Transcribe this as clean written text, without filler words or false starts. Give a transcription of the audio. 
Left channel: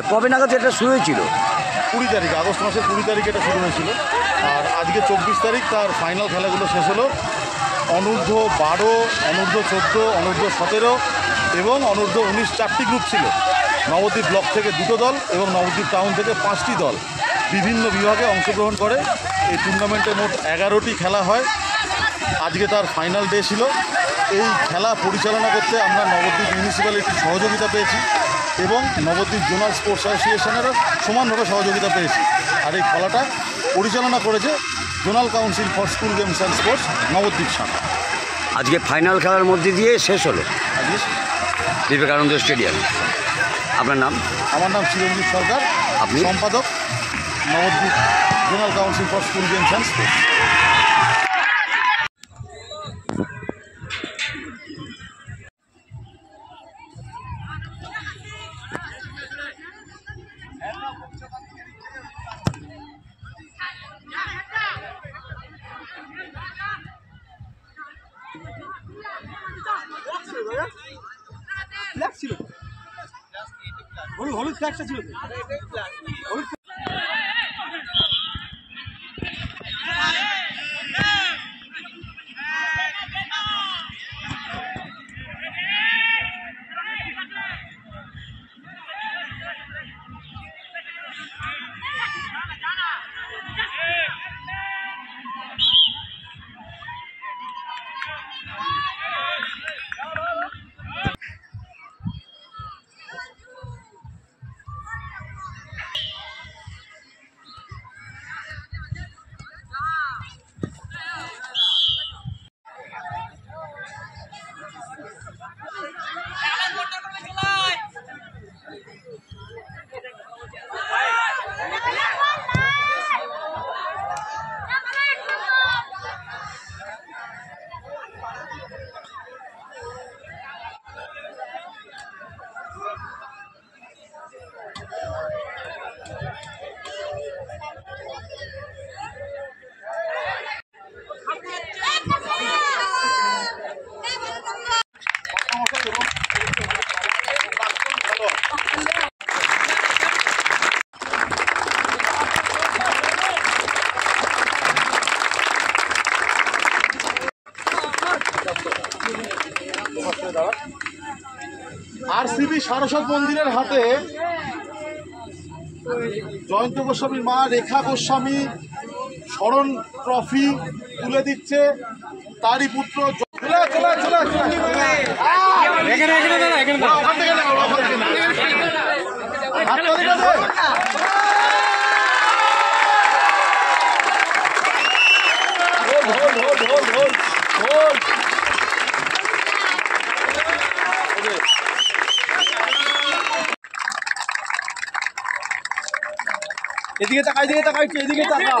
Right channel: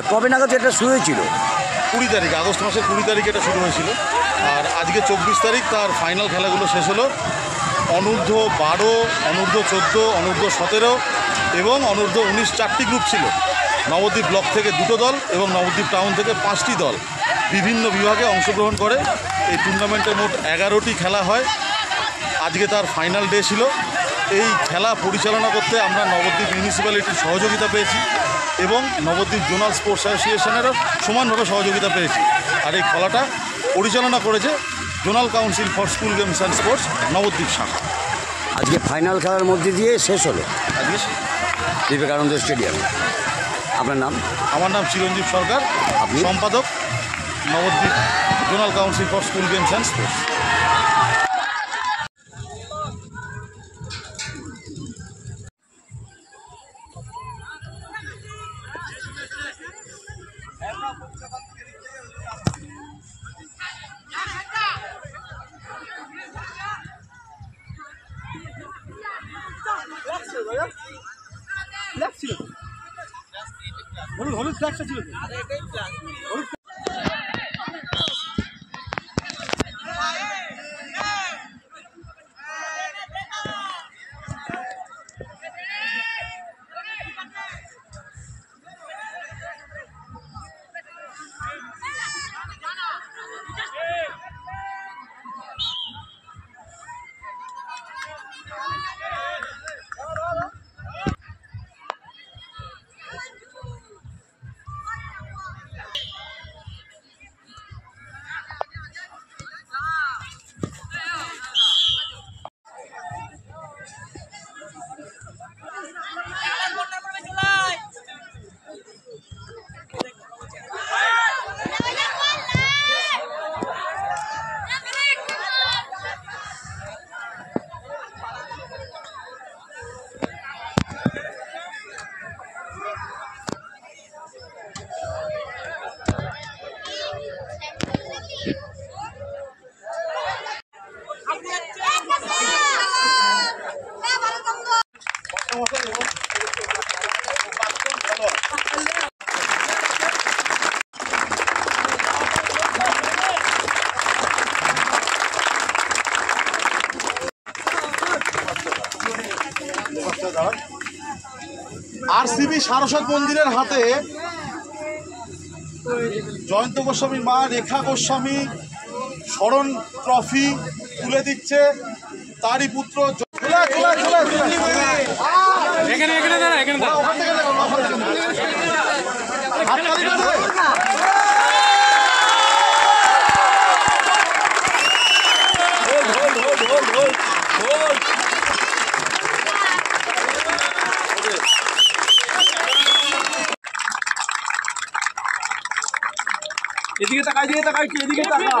আর কবে নাগাদ এটা শুরু হয়েছিল? 20 তারিখ, আগস্ট মাসের 20 তারিখ এটা শুরু হয়েছিল। আর আজকে 24 তারিখ তার ফাইনাল খেলাগুলো শেষ হলো। অনূর্ধ্ব 12, অনূর্ধ্ব 14, অনূর্ধ্ব 17 এবং অনূর্ধ্ব 19 4টি গ্রুপ ছিল। নবদ্বীপ ব্লক থেকে 2টো দল এবং নবদ্বীপ টাউন থেকে 5টি দল বিভিন্ন বিভাগে অংশগ্রহণ করে। এই টুর্নামেন্টে মোট 11টি খেলা হয়। আজকে তার ফাইনাল ডে ছিল। এই খেলা পরিচালনা করতে আমরা নবদ্বীপ মিউনিসিপ্যালিটির সহযোগিতা পেয়েছি এবং নবদ্বীপ জোনাল স্পোর্টস অ্যাসোসিয়েশনেরও সমানভাবে সহযোগিতা পেয়েছি। আর এই খেলাটা পরিচালনা করেছে zonal council for school games and sports Nabadwip শাখা। আজকে ফাইনাল খেলার মধ্যে দিয়ে শেষ হলো আজকে বিবেকানন্দ স্টেডিয়ামে। আপনার নাম? আমার নাম চিরঞ্জীব সরকার, আপনি? সম্পাদক Nabadwip zonal council for school games and sports. হলুদ ফ্ল্যাগটা ছিল আরসিবি সারস্বত মন্দিরের হাতে জয়ন্ত গোস্বামীর মা রেখা গোস্বামী স্মরণ ট্রফি তুলে দিচ্ছে তারই পুত্র। এদিকে তাকাই, এদিকে তাকাই, এদিকে তাকাই।